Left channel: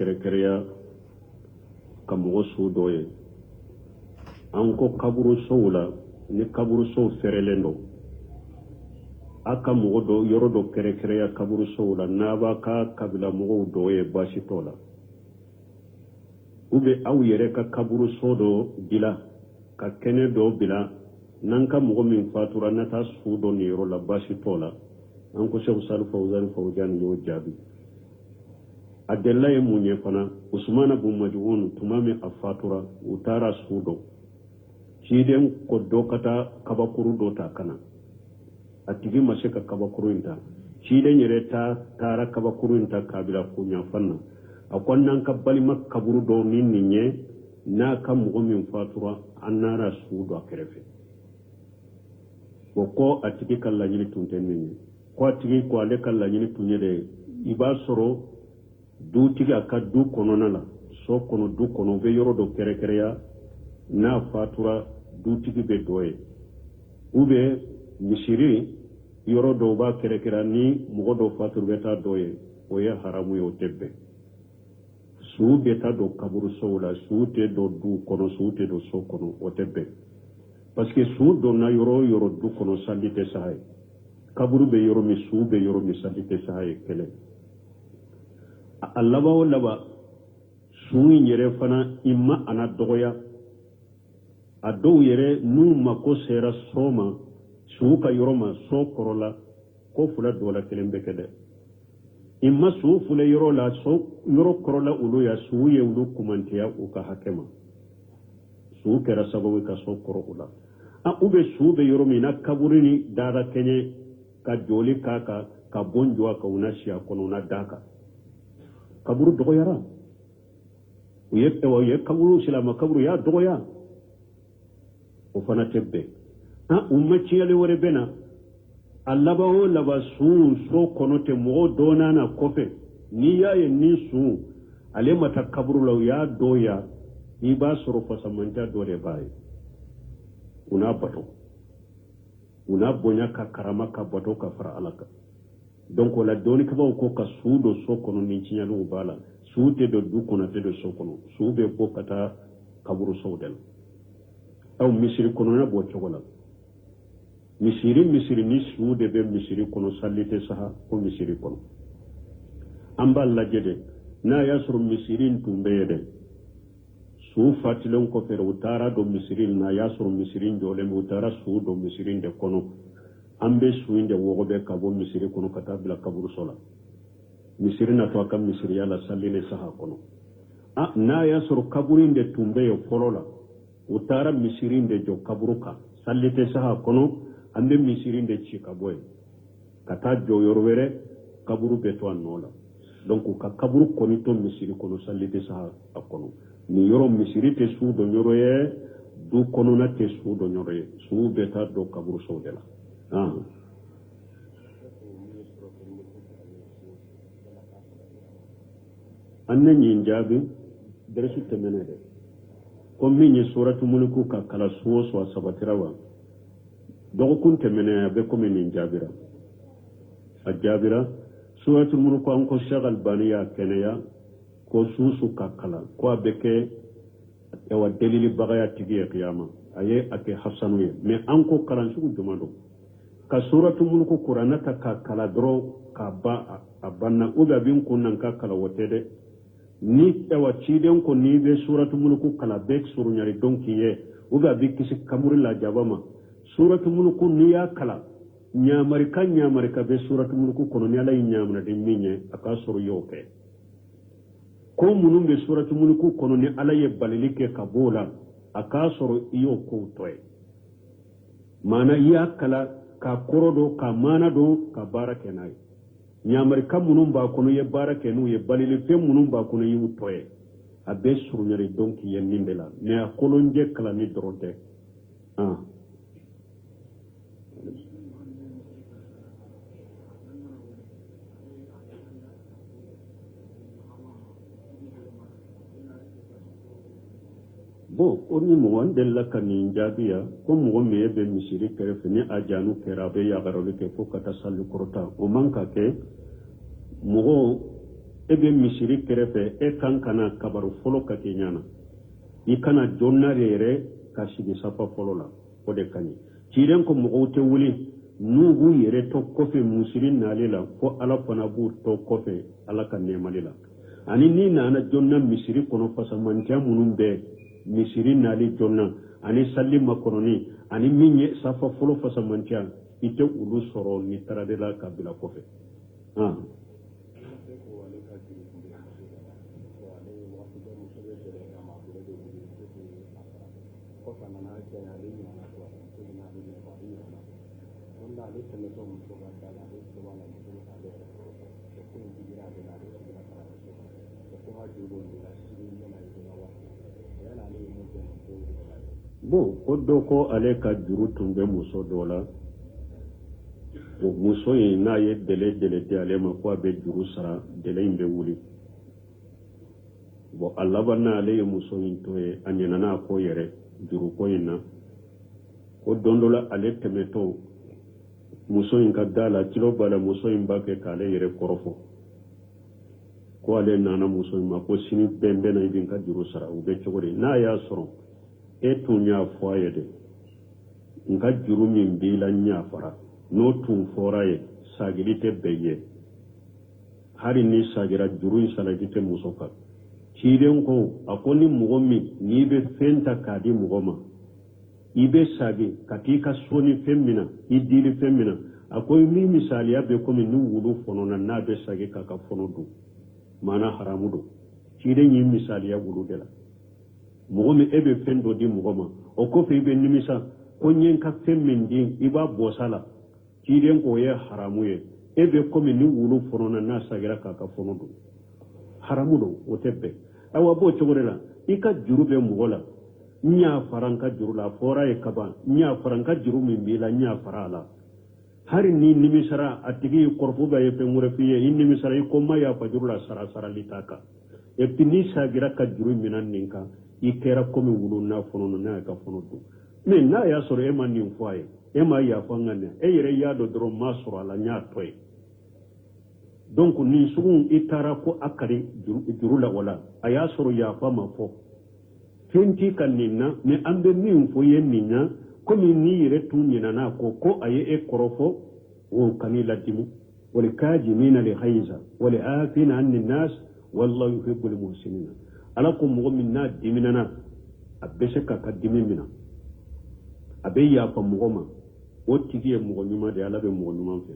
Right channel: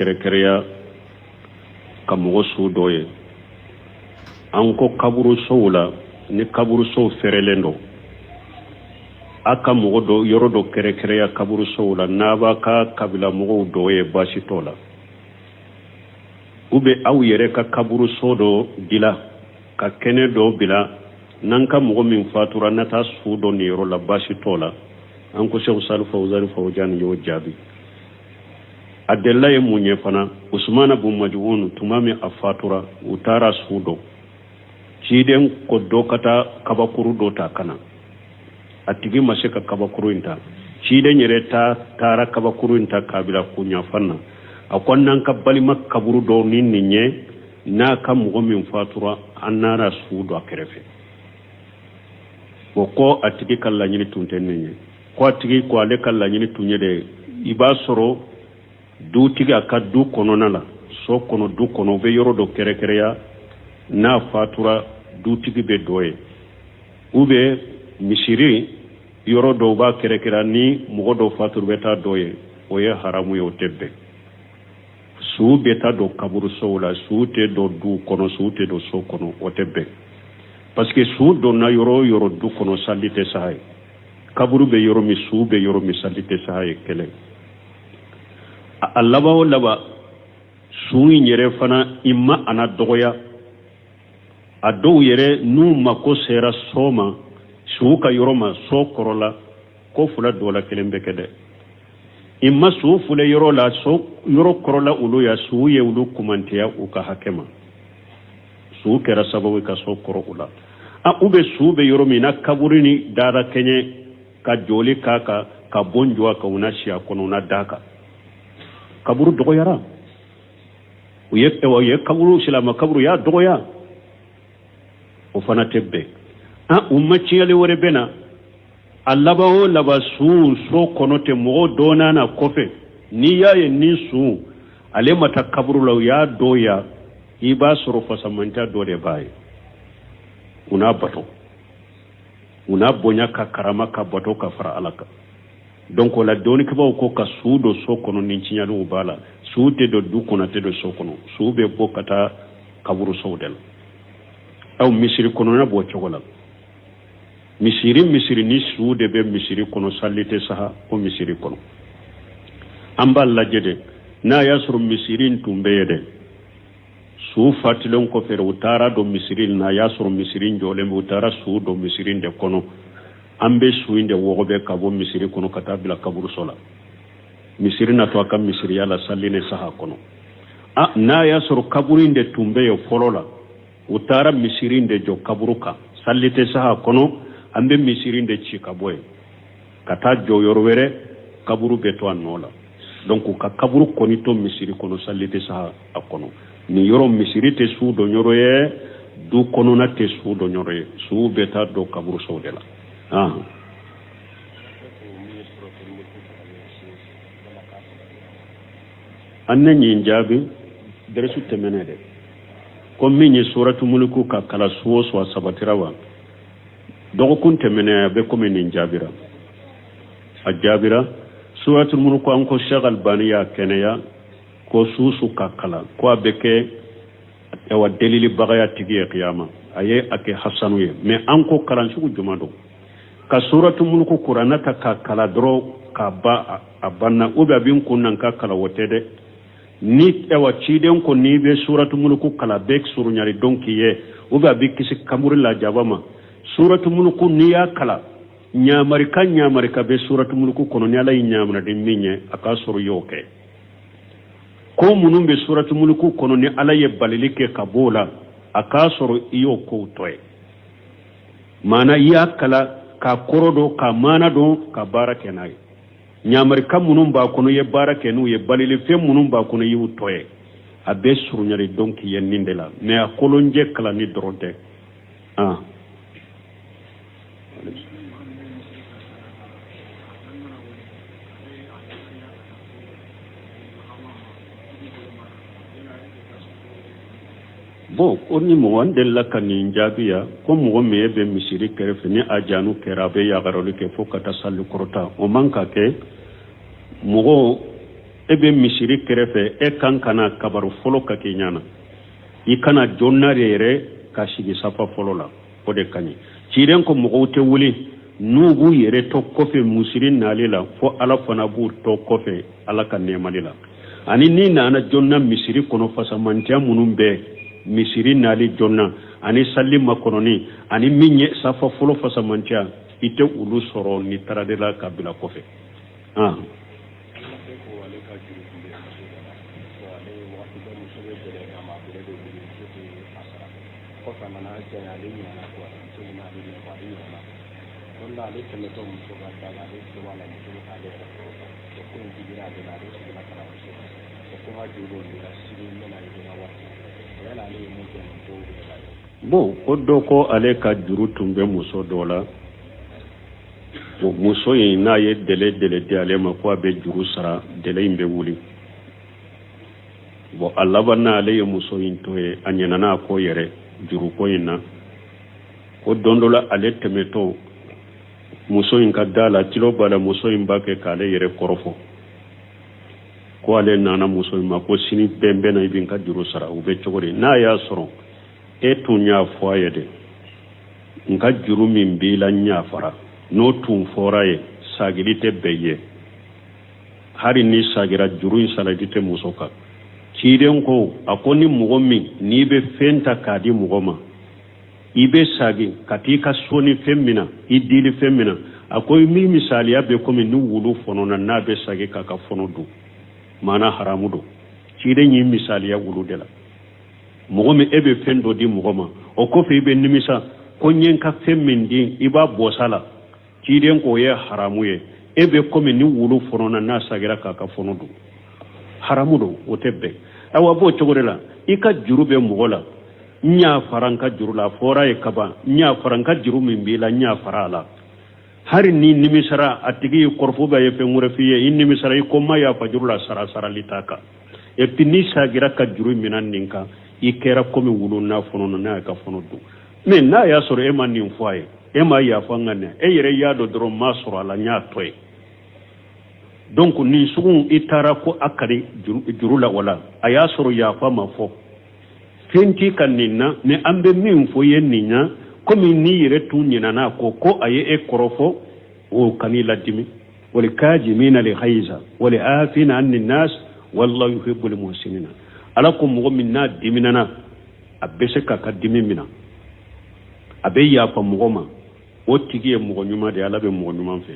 kerekereya ka mogo su dɔ ye an ko kaburu sow la ni kaburu sow ferelen do a ka mogo dɔ yɔrɔ dɔ kerekereya kaburu sow la n'a b'a ka kabila mɔgɔw dɔ ye baasi t'o la ube aw yɛrɛ ka kaburu so dɔ dila ka kɛnɛ dɔ bila n'an ka mɔgɔ min fatura na taa su dɔ nin yɔrɔ la baasi t'o la an ko Sheikh Salih Fawzan Fawzan y'o jaabi a delila ye mun ye fana Usmana bun Maj'un tuma min a fatura u taara su dɔ ciden ko dɔ ka taa kabakuru dɔ ta kana a tigi ma se ka kabakuru in ta ciden yɛrɛ taara kabakuru in ta k'a bila kuɲafan na a ko n'an ka balima kaburu dɔ ni nin ye n'a ka mɔgɔ min fatura an nana su dɔ a kɛrɛfɛ o ko a tigi ka laɲini tun tɛ nin ye ko a tigi ko ale ka laɲini tun ye de i b'a sɔrɔ dutigi a ka du kɔnɔna la so kɔnɔ du kɔnɔ u bɛ yɔrɔ dɔ kɛrɛkɛrɛya n'a fatura dutigi bɛ dɔ ye u bɛ misiri yɔrɔ dɔw b'a kɛrɛkɛrɛya ni mɔgɔ dɔw fatura bɛ taa dɔ ye o ye haramu ye o tɛ bɛn su bɛ taa don kaburu sow la su tɛ don du kɔnɔ su tɛ don so kɔnɔ o tɛ bɛn parce que su donna yɔrɔ o yɔrɔ du kɔnɔ sali tɛ sa ye kaburu bɛ yɔrɔ min su bɛ yɔrɔ min sali tɛ sa ye kɛlɛ a laban o laban su in yɛrɛ fana i ma ana dɔgɔya a dɔw yɛrɛ n'u mako sera so ma su ka yɔrɔ ma so kɔrɔ la ko fila dɔ la kelen bɛ kɛ dɛ i ma su file yɔrɔ la so yɔrɔ kɔrɔ la olu ya su ye olu kumantiya u ka hakɛ ma su kɛra sababu ka so kɔrɔ u la u bɛ su bɛ yɔrɔ min na kaburu ni dara kɛɲɛ ka joli k'a kan ka bon jɔ a kan u na si a kɔnɔ u na da kan kaburu dɔgɔyara u ye kaburu silama kaburu y'a dɔgɔya o fana tɛ bɛn u ma tiɲɛli wɛrɛ bɛ na a laban o laban su so kɔnɔ tɛ mɔgɔ dɔɔnan na kɔfɛ n'i y'a ye ni su ale ma taa kaburu la u y'a dɔgɔya i b'a sɔrɔ fasamanta dɔ de b'a ye u n'a bato u n'a bonya ka karama ka bato ka fara Ala kan donc o la dɔɔnikɛbaw ko ka su don so kɔnɔ ni tiɲɛliw b'a la su tɛ don du kɔnɔ tɛ don so kɔnɔ su bɛ bɔ ka taa kaburu sow de la misiri kɔnɔna b'o cogo la misiri ni su de bɛ misiri kɔnɔ sali tɛ saha o misiri kɔnɔ an b'a lajɛ de n'a y'a sɔrɔ misiri in tun bɛ ye dɛ su fatilen kɔfɛ u taara don misiri in na a y'a sɔrɔ misiri in jɔlen bɛ u taara su don misiri in de kɔnɔ an bɛ su in de wɔgɔbɛ ka bɔ misiri kɔnɔ ka taa bila kaburuso la misiri na to a ka misiriya la sali ni saha kɔnɔ n'a y'a sɔrɔ kaburu in de tun bɛ yen fɔlɔ la u taara misiri in de jɔ kaburu kan sali tɛ saha kɔnɔ an bɛ misiri in de ci ka bɔ yen ka taa jɔ yɔrɔ wɛrɛ kaburu bɛ to a nɔ la donc u ka kaburu kɔni to misiri kɔnɔ sali tɛ saha a kɔnɔ ni yɔrɔ misiri tɛ su dɔn yɔrɔ ye du kɔnɔna tɛ su dɔn yɔrɔ ye su bɛ taa don kaburu sow de la an ne ɲin jaabi dɛrɛsu tɛmɛnɛ dɛ ko min ye suratu muluku ka kala su o su a sabatira wa dɔgɔkun tɛmɛnɛ a bɛ komi nin jaabira a jaabira suratu muluku an ko Sheikh Albani y'a kɛnɛya ko su ka kala ko a bɛ kɛ delilibagaya tigi ye kiyama a ye a kɛ hasanu ye mais an ko kalan sugu juma don ka suratu muluku kuranna ta ka kala dɔrɔn ka ba a banna ou bien a bɛ n kun na n ka kala o tɛ dɛ ni ciden ko n'i bɛ suratu muluku kala bɛ surunyari dɔn k'i ye ou bien a bɛ kisi kaburu la jaba ma suratu muluku n'i y'a kala ɲamarika bɛ suratu muluku kɔnɔ ni Ala y'i ɲamaraden min ye a k'a sɔrɔ i y'o kɛ ko minnu bɛ suratu muluku kɔnɔ ni Ala ye balili kɛ ka b'o la a k'a sɔrɔ i y'o kow tɔ ye maana i y'a kala ka kɔrɔ dɔn ka maana dɔn ka baara kɛ n'a ye ɲamarika minnu b'a kɔnɔ i ye baara kɛ n'u ye balilifɛn minnu b'a kɔnɔ i y'u tɔ ye a bɛ surunyari dɔn k'i ye nin de la mais a kolonjɛ kalanni dɔrɔn tɛ bon o ni mɔgɔ n delila ka nin jaabiya ko mɔgɔ min bɛ misiri kɛrɛfɛ ni a janu kɛra a bɛ yagaroli kɛ fo ka taa sali kɔrɔta o man ka kɛ mɔgɔ ebe misiri kerefe kan kana kabaru folo ka kenyana ikana jonnare yere ka shigi safa folo la o de kanyi ciren ko mo te wuli nugu yere to kofe musirin nalila fo ala fana bu to kofe ala kan nemalila ani ni nana jonna misiri kono fasamantia munum be misiri nali jonna ani sallima kononi ani minye safa folo fasamantia ite ulu soro ni taradela kabila kofe bon ko doko ale ka juru tumbe muso dola o muso ye na ye dele di ale ma ko abe juru sara dele imbe wuli bon Allah banna ale ye muso yin to ye anyana na ko yere juru ko yina ko dondola ale temeto muso yin ka dala tilo bala muso yin bake kale yere korofo ko ale nana muso yin ma ko sini bembe na ibin ka juru sara ube chogori na ya soro tunya foye de nka juru min bila nya fara no tun fora ye sagilite beye hari ni sagira juru insaladite musoka kiden ko akoni mugomi ni be fenta kadi mugoma ibe sagi katika soni femina idili femina akoy mi misali abe komi ni wulu fono na be sagi kaka fono du mana haramudo kiden yi misali ya wulu dela mogomi ebe fendo di mogoma o ko fe be nimisa ko nyen ka femmin di iba bosala kiden ko ye haramu ye ebe komi ni wulu fono na sagira kaka fono du haramudo o tebbe awa bo chogorela ika jurube mogola nya faranka jurula fora e kaba nya faranka juru min bila nya farala hari ni nimisara atigi korfo ba ye fe ngurafiye in nimisara ko ma ya fa jurula sara litaka e pinisa gira ka juru minan ninka ikera komi wulu na fono na ka fono du mais na ya soro e man nin foye e ma ya fa ngane e yere ya do dro ma soro ala nya toy donc ni sugun itara ko akari jurula wala aya soro ya fa ma fo fenti kan ninna ne ambe min fo yen ninya komi ni yere tunyina na ko aye e korofo o kanila dimi wal kajimina li khayza wal afina an nas wallahu yuhibbul muhsinina alakum mu'minna diminana abese ka dimina abe ya fa mugoma o tigiye mugo nyuma de alabe mugo nyuma fe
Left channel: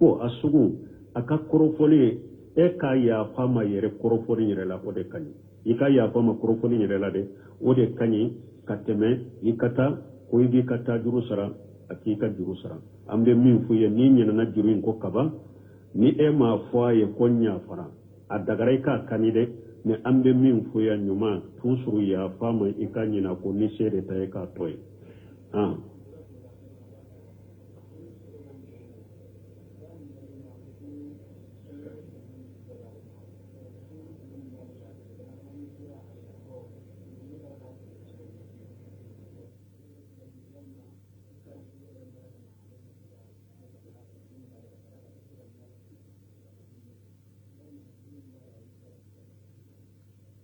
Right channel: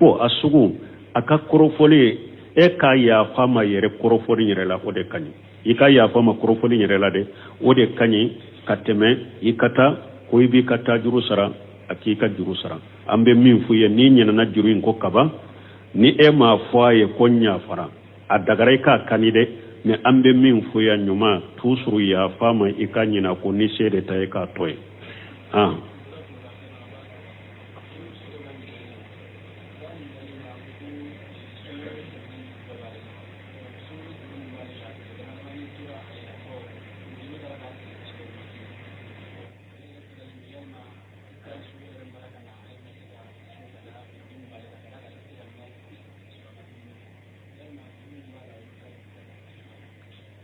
o asugu aka korofole e ka ya fa ma yere korofole yere la o de kanyi ika ya fa ma korofole yere la de o de kanyi kateme ikata ko ibi kata juru sara akika juru sara ambe min fu ye ni nyina na juru ko kaba ni e ma fo ye konya fara adagare ka kanide ne ambe min fu ya nyuma tusuru ya fama ikanyina ko ni sede ta ka toy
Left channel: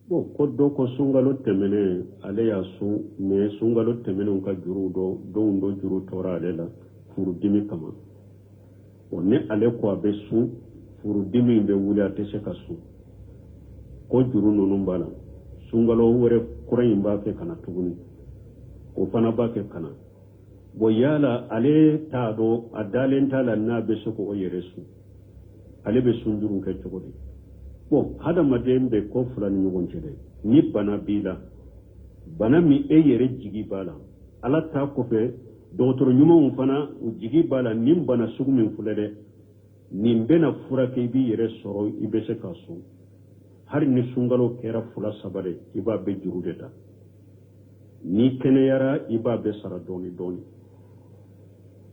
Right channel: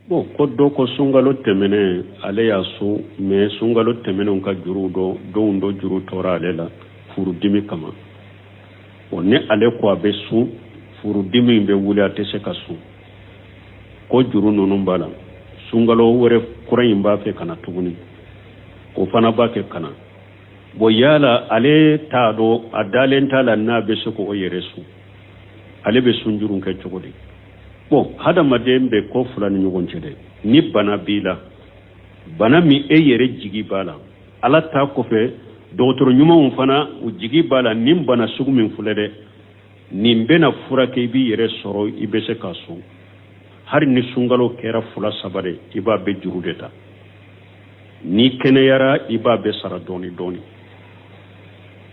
bon ko do ko sungalo temene ale ya su me sungalo temene on ka juru do juru tora ale la furu dimi kama o ne ale ko abe su furu dimi be wuli ate se ka su ko juru nonu bala sungalo wore kuran ba fe kana tuguni ko fana ba ke kana bo yala ale ta do adalen tala na be su ko yere su ale be sunjurun ka chogodi bon hada madembe ko fulani nyugon cede ni bana bila bana mi e yere jigi bala ala ta ko fe docteur nyuma fana u jigi bala nim bana sugu min fulede nimbena furake bi yere soro ibese kasu har ni sungalo kera fula sabare iba be jurudeta ni kene yara iba be sara doni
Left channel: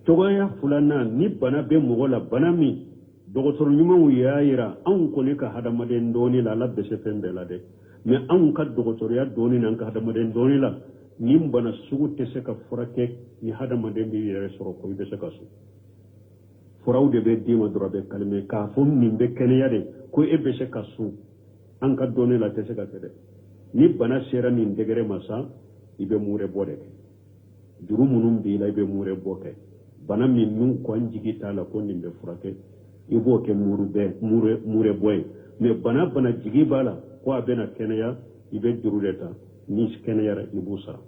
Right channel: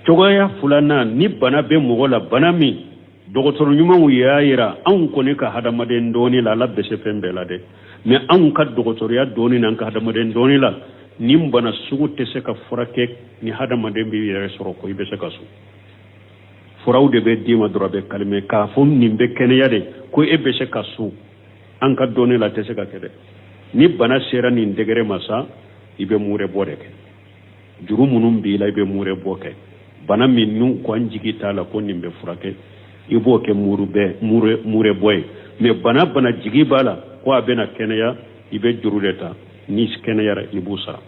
togoya fulana ni bana be mogola bana mi docteur nyuma wu yaira an ko ne ka hadamaden doni la labbe se fembe la de mais an ka docteur ya doni nan ka hadamaden doni la nim bana sugu te se ka furake ni hadamaden bi yere soro ko ibe se kasu furaw de be dima doro be kalme ka fo nin be kenya de ko e be se ka su an ka donne la tese ka kede ni bana sera nin degere masa ibe mure bode ke juru munum bi la ibe mure boke bana min nu ko anjigi tala ko nin be furake ibo ke mure boy me bana jigi bala ko abena kenya ibe juru leta ni kenya ra ibusa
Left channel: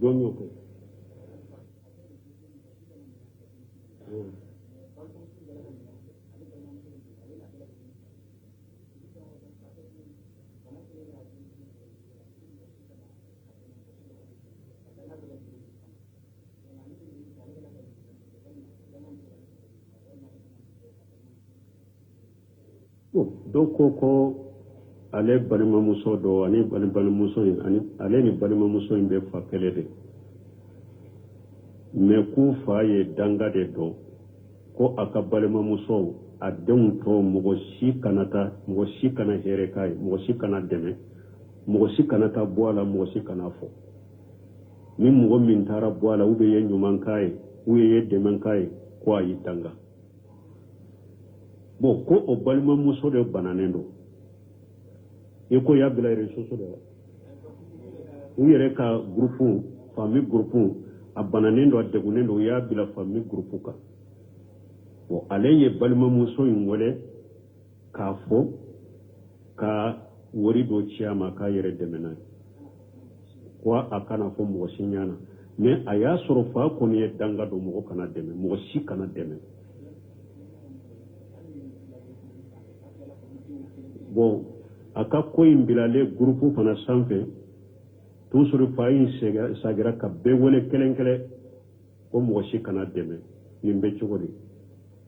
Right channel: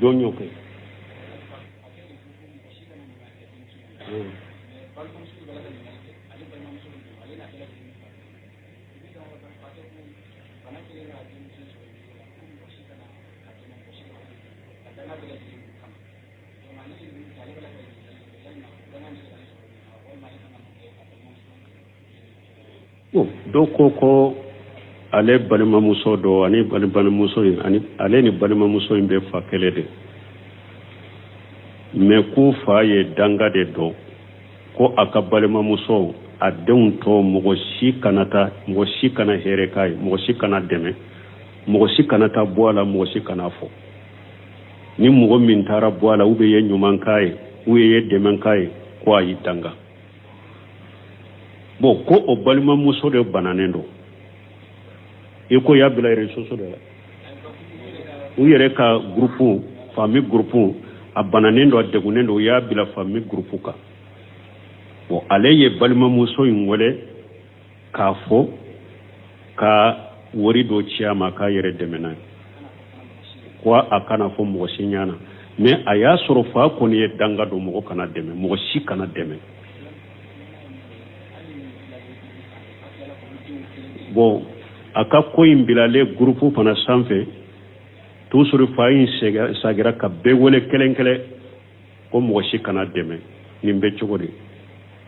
donyo ke do ko ale balima muso do ani balima muso ani ale ni balima muso be fa kele de me ku fa ye danga de do ko aka balima muso a denw to mogo si kana here kai mogo si kana deme mogo si kana ta boala mogo si kana fo ni mogo min tara boala ube ye nyuman kai ube ye demen kai ko ayi danga bo ko o balima muso de bananendo iko ya bila resoso de la u yere ka groupe famille groupe a bananendo adegunendo ya bila famille groupe ka bo ale ye balima muso ingole ka fo ka wori do ciama ka yere demena ko akana fo mo sinyana mais aya soro fa ko ni danga do mo kana deme mo si kana deme bo aka ko imbilale groupe fana sanfe to suru fayin sagira ka be wole kelenkele ko mo shi kana deme nimbe chogori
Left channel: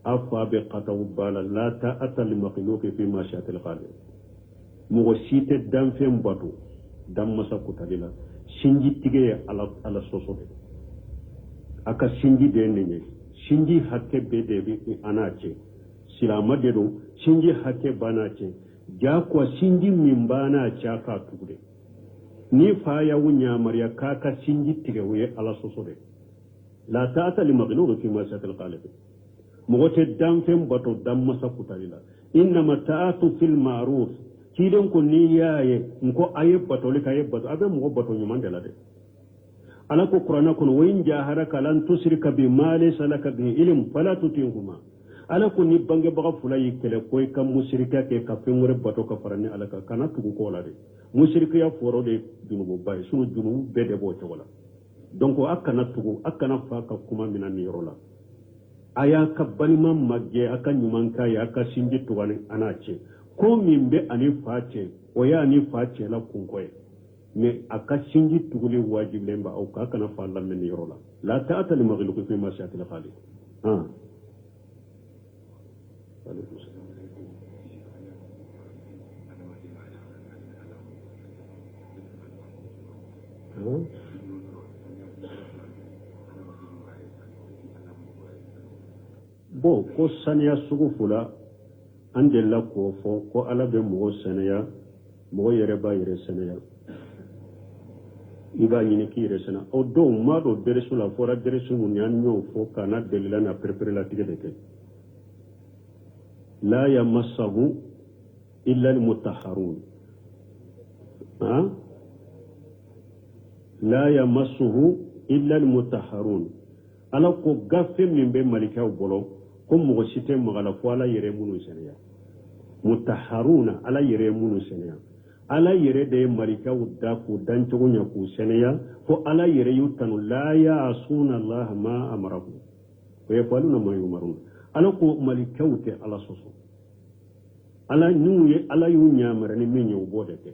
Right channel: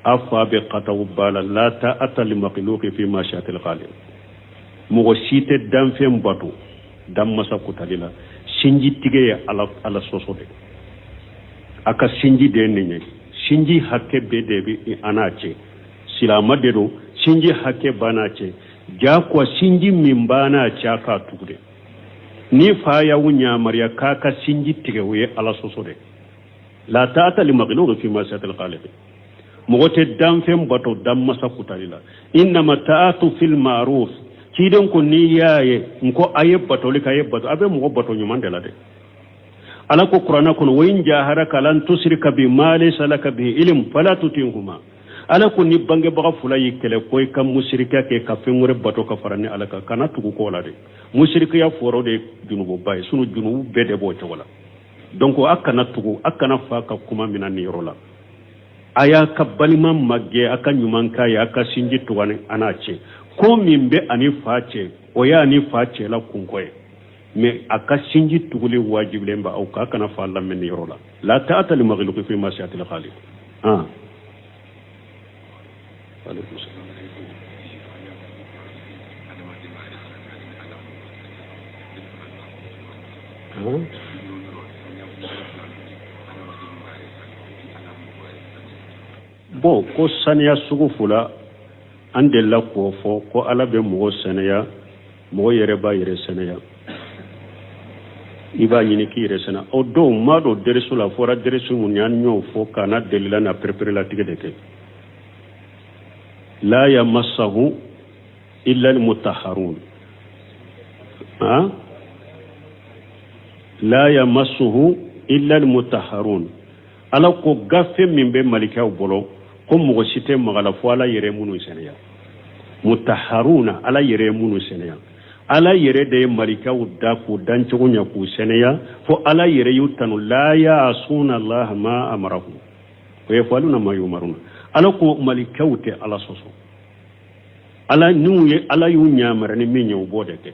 afa be qataw bala la ta atal maqluqi fi ma sha'atil qalim mo shite damfe mbatu damma sakutalila sinji tige ala sosode aka sinji de nenye sinji hakke be de bi anache silama de do sinji hakke banache ja kwa sinji mimbana chaka tukude ni fa ya wunya mariya kaka sinji tige we ala sosode la ta'ata li maghlub fi ma sa'atil qalib mogote dam fem bato dam masa kutalila inna mata'atu fil ma'ruf kidan ko ni yaye nko aye bato le kaye bato abe mo bato nyumande la de ala ko qur'ana ko wayin jaharaka lan tusrika bi ma laysa laka bi ilm fala tutihuma ala ko ni bange baga fula yikele koy kam mushrika ke ka fengore bato ka farani ala ka kana tugu ko la de mushrika ya foro de junubo bay sunu junubu bede bo to wala donc akana tugu akana fa ka kuma minani rola aya ka balima magge aka nyuman kai aka sinji tuwane anache ko mimbe ani fache o ya ani fache la kunkoye me aka sinji tugule wajible mba au ka kana fa Allah minni rola la ta'ata li maghluqi fi masyatil khaliq bo ko saniya sugu fula ande la ko fo ko ala be mo saniya mo yere ba yere saniya iba nyini ki yere sana o do ma do deresu la fora deresu mun yan nyo fo kana delila na prepare la tigede ke la yamassahu illa almutahharun la yamassuhu illa almutahharun ala ko gafe min be malika bolo ko mo site magala fo ala yere munu seneya mutahharuna ala yere munu seneya ala yere de malika udda ko dancho nya ku seneya fo ala yere yutanu la ya'suna allah ma amarahu ko yafaluna ma yumaruna ala ko malika ute ala soso ala nuye ala yu nyamara ni minyo bodete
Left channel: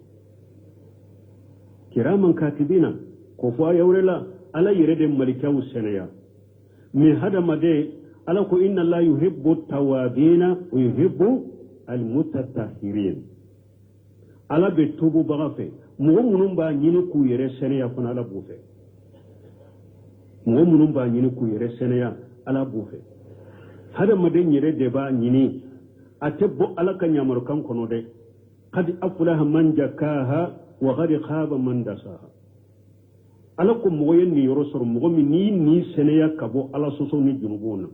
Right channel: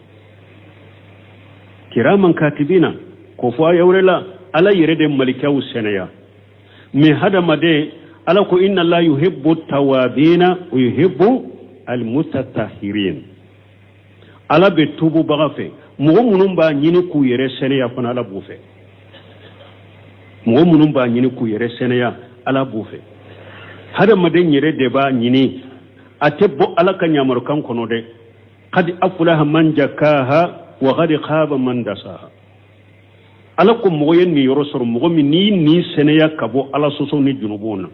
kiraman katibina ko fo yawrela ala yerede malikaw senaya me hada made ala ko inna la yuhibbu tawabina wa yuhibbu almutatahhirin ala be tubu bagafe mo munum ba nyini ku yere senaya fana ala bufe mo munum ba nyini ku yere senaya ala bufe hada made yere de ba nyini atebbo ala ka nyamar kan kono de qad aflaha man jakaha wa qad khaba man dasaha ala ko mo yenni yoro sor mo mi ni senaya kabo ala soso ni junubuna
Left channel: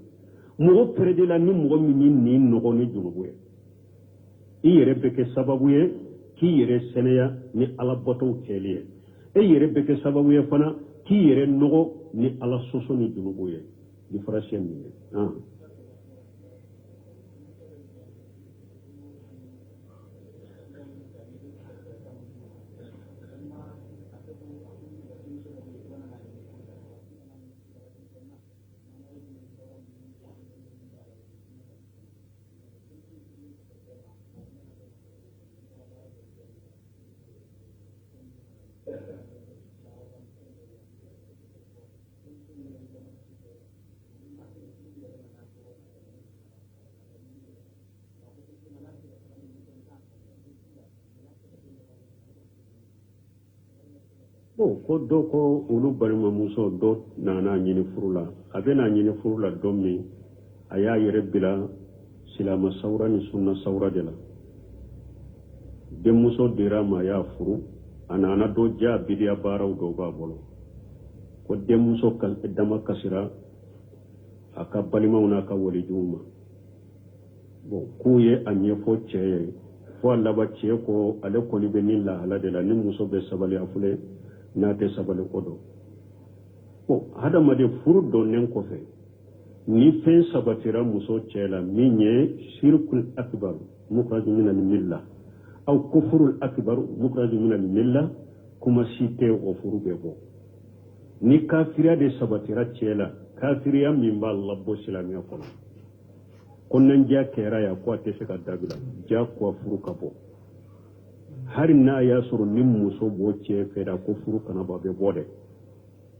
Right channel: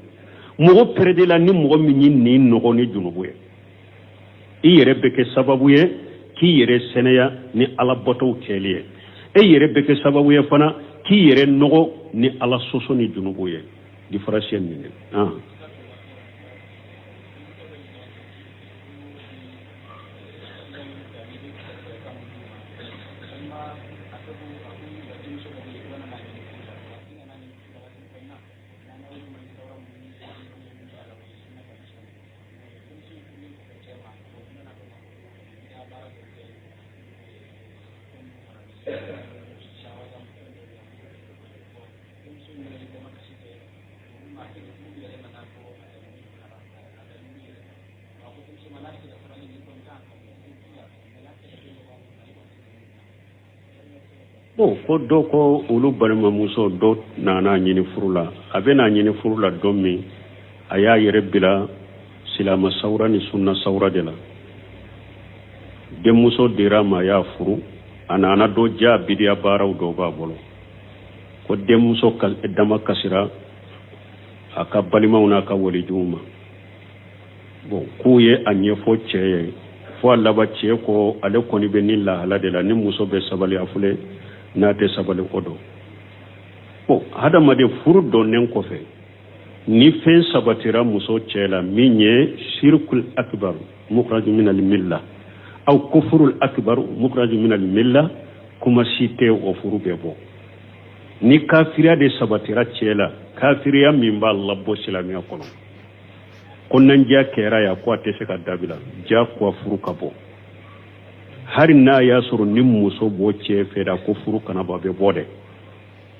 mo perde la ni mo mi ni no ni junubu e yere beke sababu ye ki yere senaya ni ala boto keliye e yere beke sababu ye fana ki yere no ni ala soso ni junubu ye difference ni ko do ko ulu balma muso do nana nyini furula abena nyini furula dommi aya yere bila silama sawra ni sunna sawra de la de muso dirama ya furu ana do ja bidiya baraw do ba bolo ko de muso kal dama kasira aka balima una ka woli juma bon kuye anye fo cheye fo alla ba che ko ale ko ni benilla hala de la ni muso be sabali afule nate sabale kodo o hada made furu do nen ko fe ni fen sabatira muso cela minye shirkul akbar mukhraj min al milla aw kufrul akbar mukhraj min al milla kuma site o furu bebo ni kafira de sabatira cela kafiriya min ba Allah bo silamiya kono konnan ja kera ya ko atese ka dabila ja ko furu kabo hari na ya suru ni muso bo ce feda ko furu kana ba be bode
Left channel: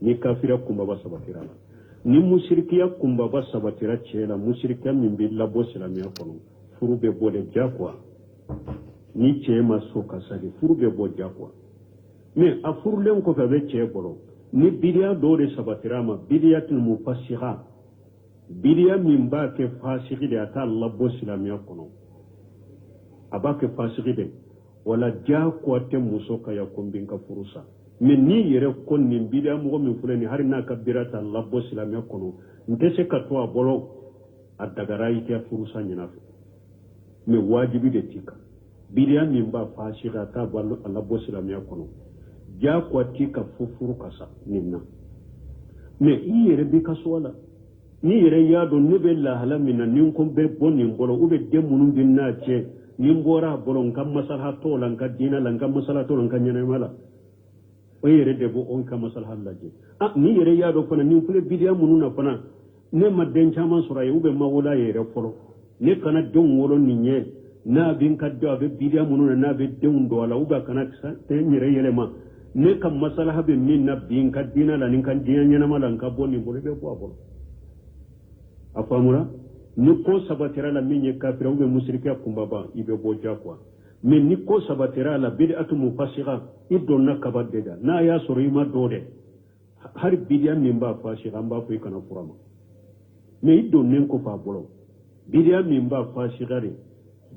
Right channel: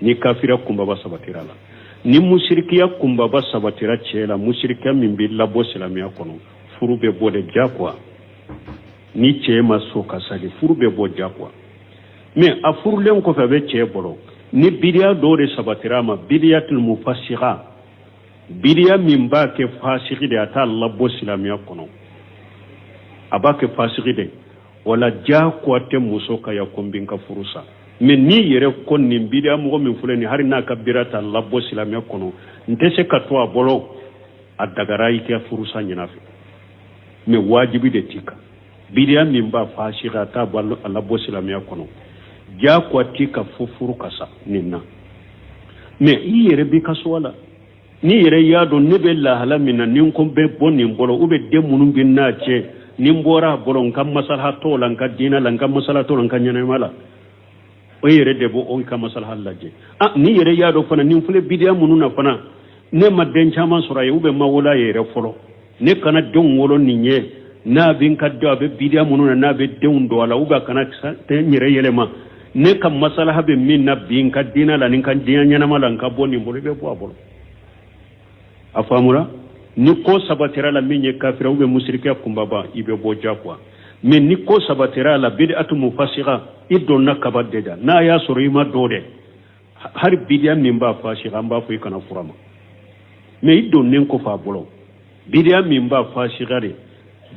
ni kafira kumba ba sabatira la ni mushrikiya kumba ba sabatira cela mushrikiya min billa bo silamiya kono furu be bode jakwa ni ce maso kasali furu be bo jakwa mais a furu len ko fa be ce bolo ni bidiya do de sabatira ma bidiyatul mufassira bidiya min ba ke fasiki de ata Allah bo silamiya kono abake fasiki de wala ja ko te muso ka ya kombin ka furusa men ni yere kon ni bidia mo min fulani har na kabirata labbo silamiya kono ndese ka to abolo adagarai ke furusa nyinafi me wajibi de tika bidia min ba fashira ta ballo labbo silamiya kono ja ko tika fufuru kasa ninna me yere bi kaswala ni yere ya do ne be la hala minna nin ko be bonni bolo ube de munun bin na ce nimbora bolon kam maslaha to lan ka dina lan kam maslaha to lan kan nyane mala o yere debo on kam maslaha laje ni yere ya do fana nin fule bidiya mununa fana ne madden chama sura yube mawula yere folo ne kana don wolo ninye na bin ka do be bidiya mununa na be deun do wala uga kana te nyere yele ma ne kam maslaha be min na bin ka dina lan kan dina nyana mala ka boni mbolo be bo abolo afamura ni ko sabatira la minye kafira ube musirika kumbaba ibe boja kwa men ni ko sabatira la bid'atu mufassira idonna kabadeda na ya surima dode har bid'a min ba fasira ba fu kana furama me idonne ko fa bolo bid'a min ba fasira re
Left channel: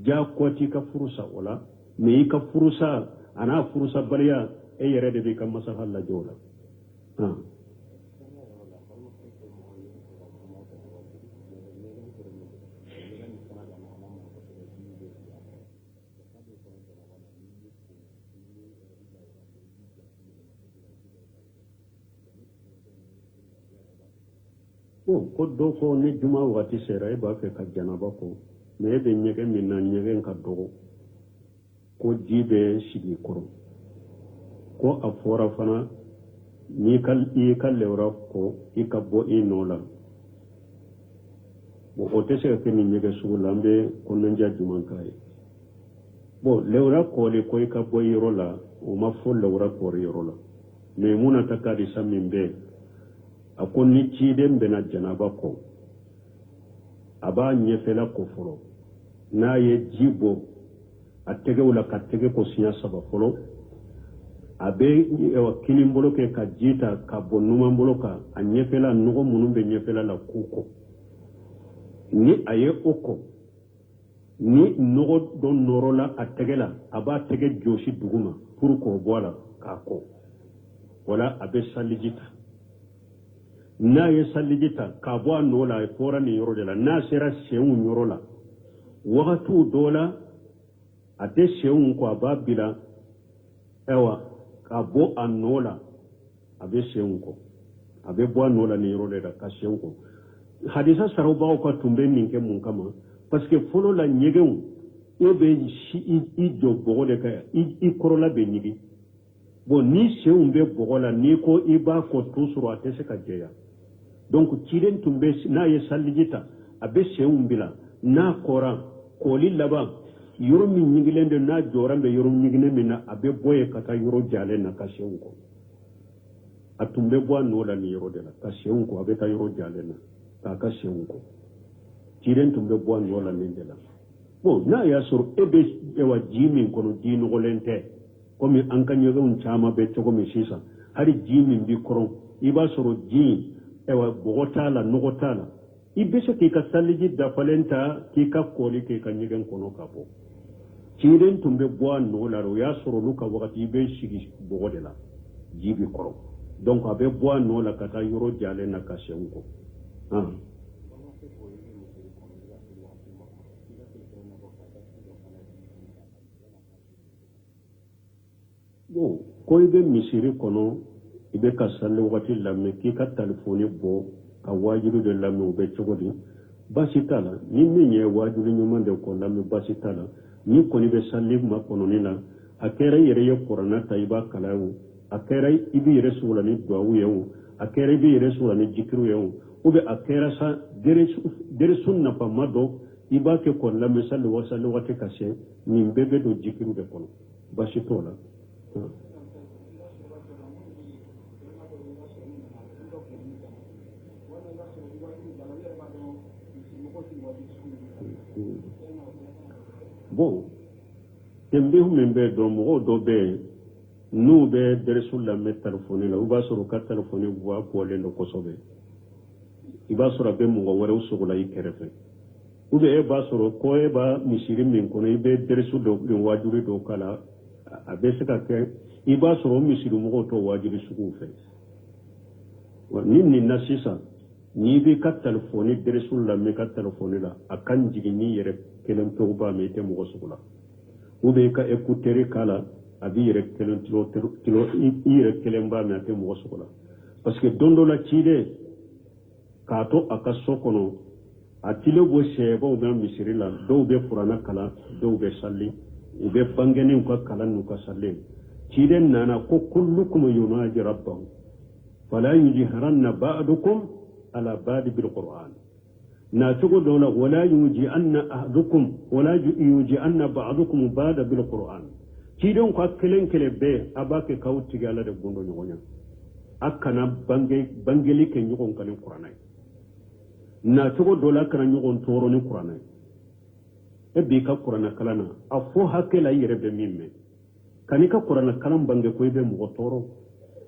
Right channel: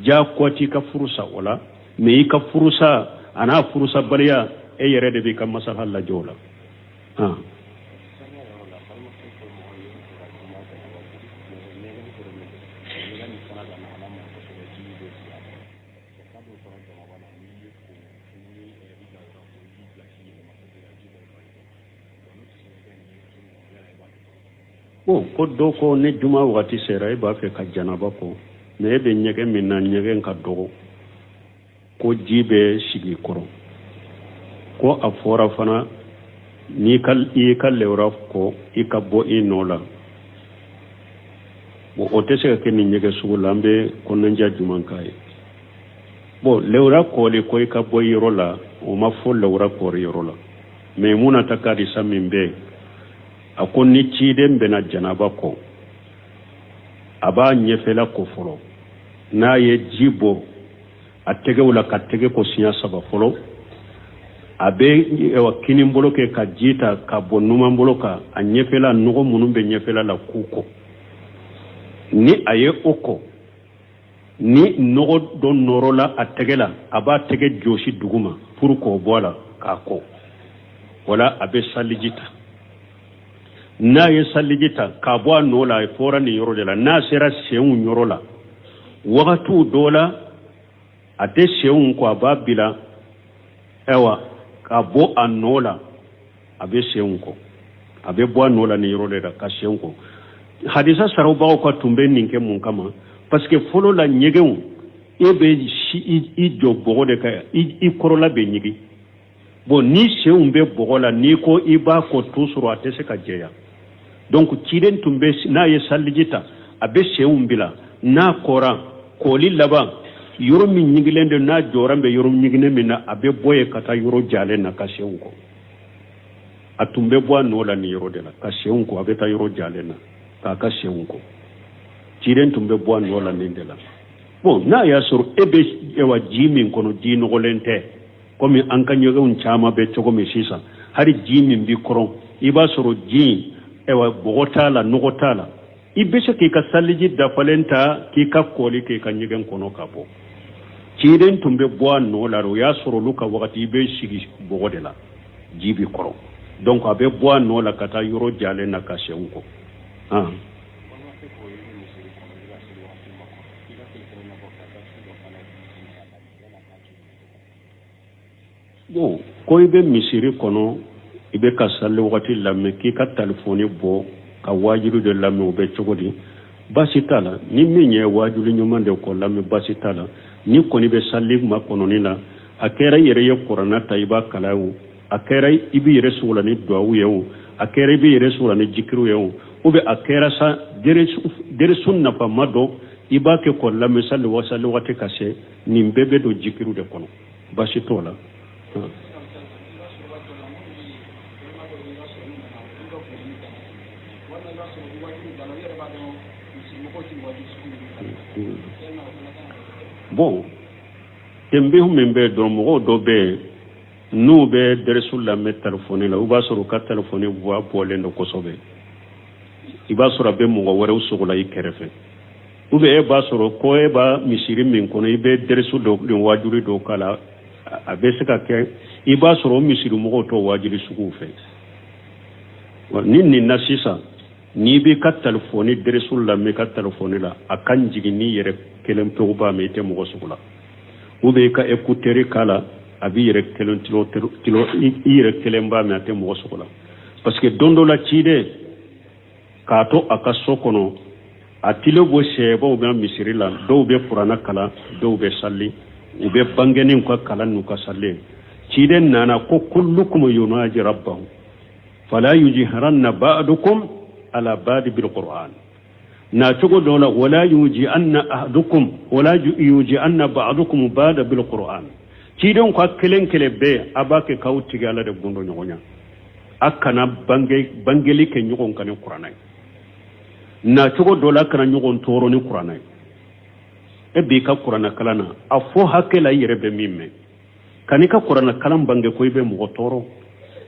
ja kwati ka furusa wala me ka furusa ana furusa bariya e yere de bi kam masal halla jola ko do ko ne juma wati sera e ba fe ka janaba ko ne be nyege min na nyege ka do ko jibe sigi koro ko afora fana ni kal lewra ko ikabo inola bo otese ke ni nyege sulambe ko nanja juma kai bo lewra ko le ko ikabo yirola o ma fo lewra ko yirola me muna takadi samimbe ako ni ciden bena janaba ko aba ɲɛfɛla ko fɔlɔ n'a ye ji bɔ a tɛgɛw la ka tɛgɛ ko siɲɛ 3 fɔlɔ a bɛ kini bolo kɛ ka ji ta ka bɔ numan bolo kan a ɲɛfɛla nɔgɔ minnu bɛ ɲɛfɛla la k'u kɔ ni a ye o kɔ ni nɔgɔ dɔ nɔrɔla a tɛgɛ la a b'a tɛgɛ jɔsi duguma pour k'o bɔ a la k'a kɔ wala a bɛ saliji ta n'a ye saliji ta k'a bɔ a nɔ la a fɔra nin yɔrɔ de la n'a sera senw yɔrɔ la wagatiw dɔw la a tɛ senw kɔ a b'a bila ayiwa k'a bɔ a nɔ la a bɛ senw kɔ a bɛ bɔ a nɔ la nin yɔrɔ de la ka senw kɔ hadisa sarabagaw ka tun bɛ nin kɛ mun kama parce que fɔlɔ la ɲɛgɛnw e bɛ i jɔ bɔgɔ de kan i kɔrɔla bɛ ɲigi bon ni senw bɛ bɔgɔ la n'i ko i b'a kɔ toujours a tɛ se ka jɛya donc ciden tun bɛ n'a ye saliji ta a bɛ senw bila n'a kɔra kɔli laban yɔrɔ min ɲigilen don n'a jɔra bɛ yɔrɔ ɲigilen min na a bɛ bɔ yen ka taa yɔrɔ jalen na ka senw kɔ a tun bɛ bɔ a nɔ la nin yɔrɔ de la ka senw kɔ a bɛ taa yɔrɔ jalen na k'a ka senw kɔ ciden tun bɛ bɔ a nɔ la nin de la bon n'a y'a sɔrɔ e bɛ ji min kɔnɔ ji nɔgɔlen tɛ komi an ka ɲɛgɛnw caman bɛ cogo min sisan hali ji min bi kɔrɔ i b'a sɔrɔ ji bɔgɔ t'a la nɔgɔ t'a la i bɛ se k'i ka saliji dafalen ta k'i ka kɔli k'i ka ɲɛgɛn kɔnɔ ka bɔ ciden tun bɛ bɔ a nɔ la o y'a sɔrɔ olu ka wagati i bɛ sigi bɔgɔ de la ji bi kɔrɔ donc a bɛ bɔ a nɔ la ka taa yɔrɔ jalen na ka senw kɔ bon ko i bɛ misiri kɔnɔ i bɛ ka sali wagati lamɛn k'i ka telefɔni bɔ ka wajibi de lamɛn o bɛ cogo di basi t'a la ni min ye wajibi ɲuman de kɔ lamɛn basi t'a la ni kɔni bɛ sali ma kɔnɔni la a kɛra i yɛrɛ ye kuranna ta i b'a kala o a kɛra i b'i yɛrɛ sugu la ni duwawu ye o a kɛra i b'i yɛrɛ sugu la ni jikiriw ye o ou bien a kɛra sa derisu nafama dɔ i b'a kɛ kɔ lamɛn sali wagati ka se nin bɛɛ bɛ don jikiriw de kɔnɔ basi t'o la bon tembehu min bɛ dɔn mɔgɔw dɔ bɛ yen n'u bɛ dɛrɛsu lamɛn telefɔni la u b'a sɔrɔ u ka telefɔni voix bɔlen don kosɛbɛ i b'a sɔrɔ a bɛ mɔgɔ wɛrɛw sogo la i kɛrɛfɛ ou bien e b'a sɔrɔ ko e b'a misiri min kɔnɔ i bɛ dɛrɛsu dɔ wajuli dɔ k'a la a bɛ se ka kɛ i b'a sɔrɔ o misiri mɔgɔw tɔ wajuli suguw fɛ ni nin na sisan n'i b'i ka telefɔni dɛrɛsu lamɛn i ka telefɔni la a ka jigin n'i yɛrɛ kelen pewu b'a mɛn i tɛ mɔgɔ sugu la ou bien i ka écouteur k'a la a b'i yɛrɛ kelen i yɛrɛ kelen b'a mɛn a tɛ mɔgɔ sugu la parce que don dɔ la ciden k'a to a ka so kɔnɔ a tile bɔ sɛbaw bɛ misiri la dɔw bɛ kuranna kalan dɔw bɛ sali u bɛ bangɛniw ka kalan n'u ka sali ciden nana ko kullukum yunaji rabbahu fala yujhiranna ba'dukum ala ba'd bil qur'an na cogo dɔ la wala yuji anna ba'dukum ba'da bil qur'an ciden ko kelen bɛɛ a b'a kɛ k'aw tigi ala de gundo ɲɔgɔn ɲa a kana bangeli kɛ ɲɔgɔn kan ni kuranna ye na cogo dɔ la kana ɲɔgɔn tɔɔrɔ ni kuranna ye e b'i ka kuranna kalan na a fɔ hakɛ la i yɛrɛ bɛ min mɛn kan'i ka kuranna kalan bange ko i bɛ mɔgɔ tɔɔrɔ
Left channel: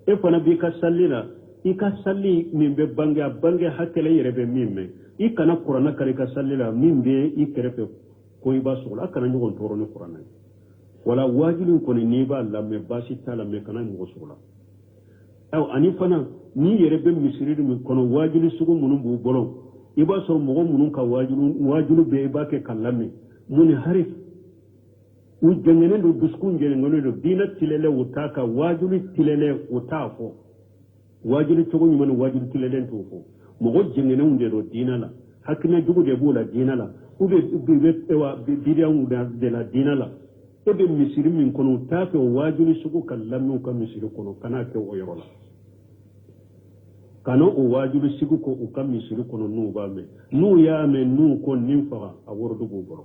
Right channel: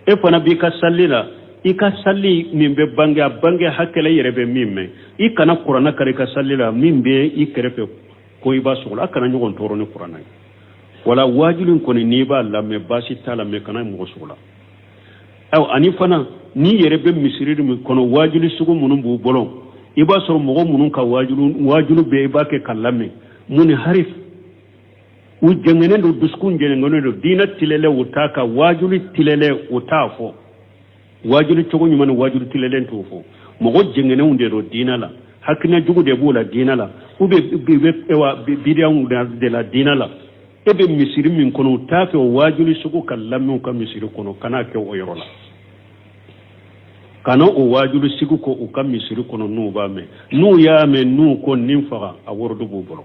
e fana b'i ka sali la i ka sali min bɛ bange a bange hakɛ la i yɛrɛ bɛ min mɛn i kana kuranna kari i ka sali la min bɛ i kɛrɛfɛ ko i b'a sɔgɔ la a kana ɲɔgɔn tɔɔrɔ ni kuranna ye wala wajibi kɔni n'i b'a lamɛn baasi t'a la mɛ kana mɔgɔ sugu la ani fana n'i yɛrɛ bɛ misiri min kɔnɔ wajibi sugu minnu b'u bolo i b'a sɔrɔ mɔgɔ minnu ka wajibi bɛ i b'a kɛ ka lamɛn mun ni harif u jɛngɛnen don dusukun jɛngɛnen don diinɛ tilɛlɛ u t'a ka wajibi tilɛlɛ u t'a fɔ wajibi cogo ɲuman ni wajibi tilɛlɛ t'o fɔ mɔgɔ jɛngɛnenw de don diinɛ la hakilina jugu de b'o la diinɛ la u bɛ bidiyanw de la diinɛ la e bɛ misiri min kɔnɔ u t'a fɛ o wajibi sugu ka lamɛn ka misiri kɔnɔ kana kɛ o yɔrɔ la kana o wajibi sugu ko u ka misiri kɔnɔ n'u b'a mɛn n'u y'a mɛn n'u ko nin faga a wɔrɔ b'u bolo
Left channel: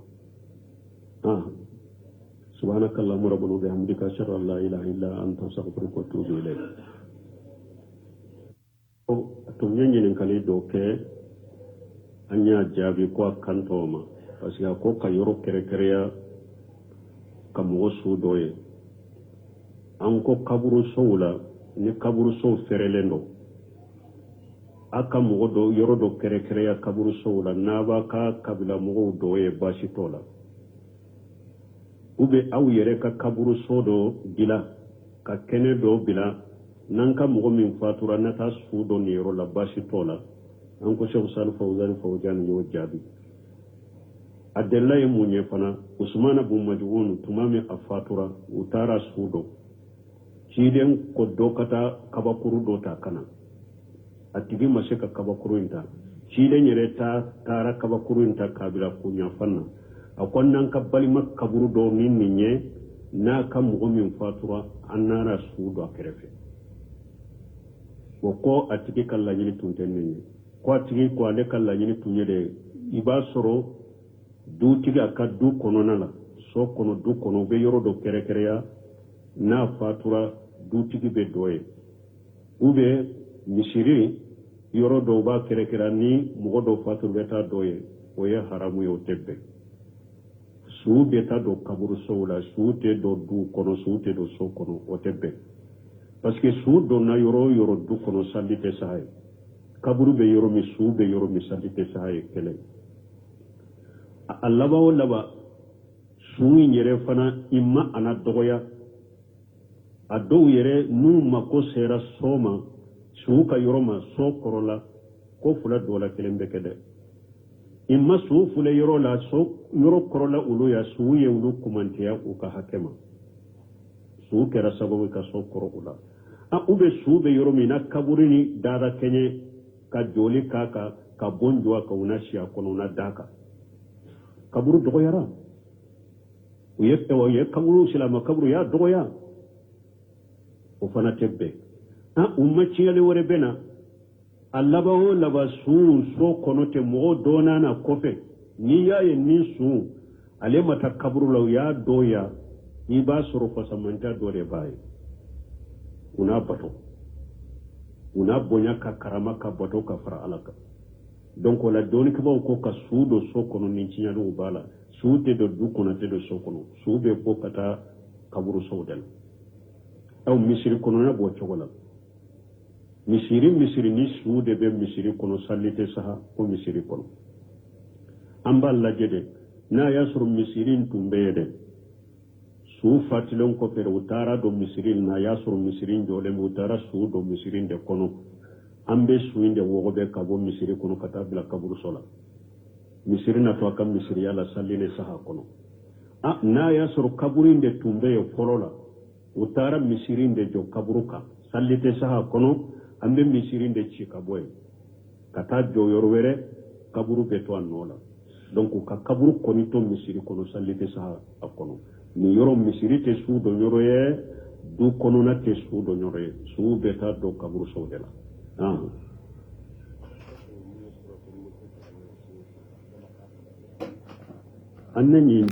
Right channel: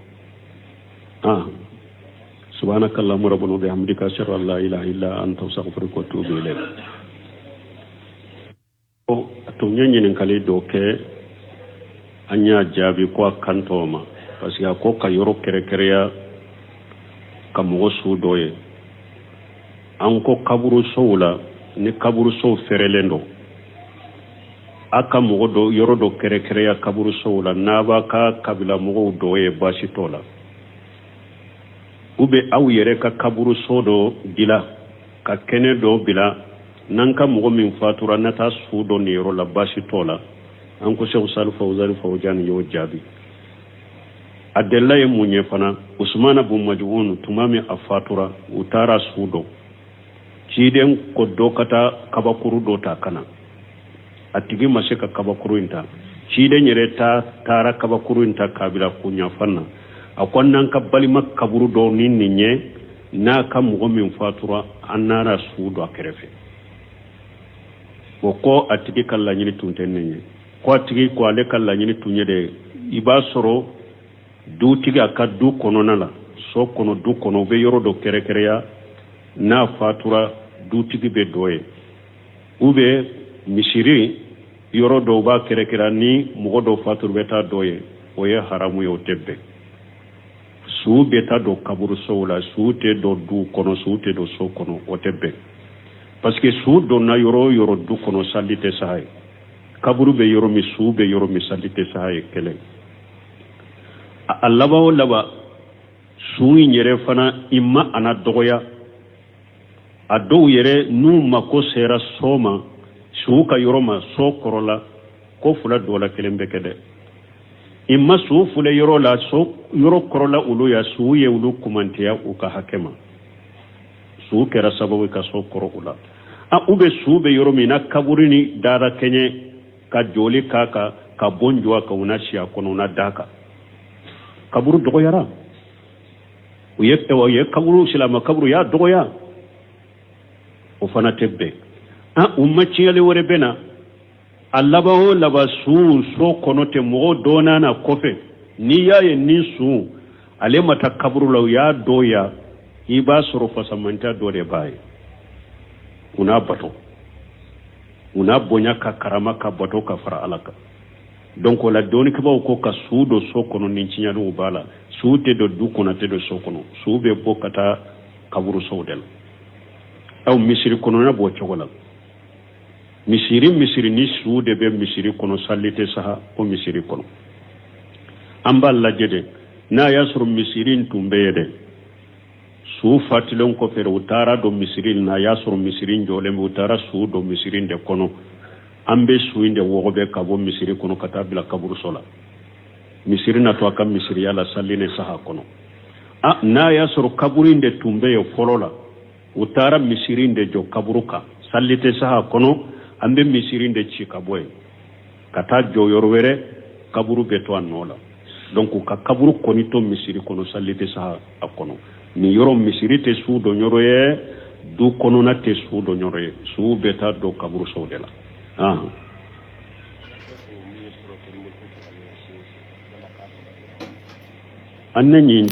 سبحانك اللهم ربنا وبحمدك أشهد أن لا إله إلا أنت أستغفرك وأتوب إليك to ñañinin kali do ke anya jaabi ko kantoma parce que ko ka yoro kere kereya ka mogo su doye an ko kaburu sowla ni kaburu sow ferelen do aka mogo do yoro do kere kereya kaburu sowla naba ka kabila mogo doye basi tola ube aw yere ka kaburu so do dila ka kene do bila nanka mogo min fatura nata su do ni yoro la basi tola an ko Cheikh Salih Fawzan yo jaabi adella ye munye fana Usman bin Maj'un tumami afatura utara sudo ciden ko dokata kabakuru do ta kana atigi maseka kabakuru inta ciden yere ta tara kabakuru inta kabila kunya fanna akwannan kabbali makaburu do ninninye na kam mo min fatura annara sudo akerefe ko atigi kala nyini tuntenye ko atigi ko ale kala nyini tunye de iba soro du tiga ka du kono nala so kono du kono be yoro do kere kere ya na fatura du tigi be doye ube misiri yoro do ba kere kere ni mo do fatur beta doye o ye haramu yo tebbe su beta do kaburu sowla su te do du kono su te do so kono o tebbe parce que su do na yoro yoro du kono salite sahay kaburu be yoro mi su be yoro mi salite sahay kele allaba o laba suyi yere fana imma ana dogoya a dow yere nu mako sera soma su ka yoroma so korola ko fula dola kelen be kede imma su fule yorola so yoro korola ulu ya su ye ulu kumantiya u ka hakema su kera sababu ka so koro ula a ube su be yoromi na kaburini dara kenye ka joli kaka ka bonjwa ka unashia kono na daka kaburu dogoyara uyekte wa ye kaburu silama kaburu ya dogoya o fana tebbe ummaci yale wore bena allaba o laba su so konote mo dona na kofe ni yaye ni su ale mata kaburu law ya doya iba soro fasamanta dore baye una bato una bonya ka karama ka bato ka fara alaka donc la doni ko ko ka suudo sokono nin cinyadu bala suude do du kono te do sokono suube bokata kaburu sowdel aw misiri kono na bo chogola misiri ni suude be misiri kono sallite saha ko misiri kono ambal la jede na yasru misirin tumbede su fatilon ko fere utara do misirin na yasru misirin jole utara su do misirin de kono ambe suinde wogobe kabo misiri kono katabila kaburu sola misiri na to akam misiri yala salline saha kono na yasru kaburinde tumbe yo folola utara misirinde jo kaburuka sallite saha kono ambe misirinde chikaboy kata jo yorwere kaburu beto anola donc ka kaburu konito misiri kono sallite saha akono ni yoro misiri te su do nyoroye du kono na te su do nyoroye su beta do kaburu sodela annan yin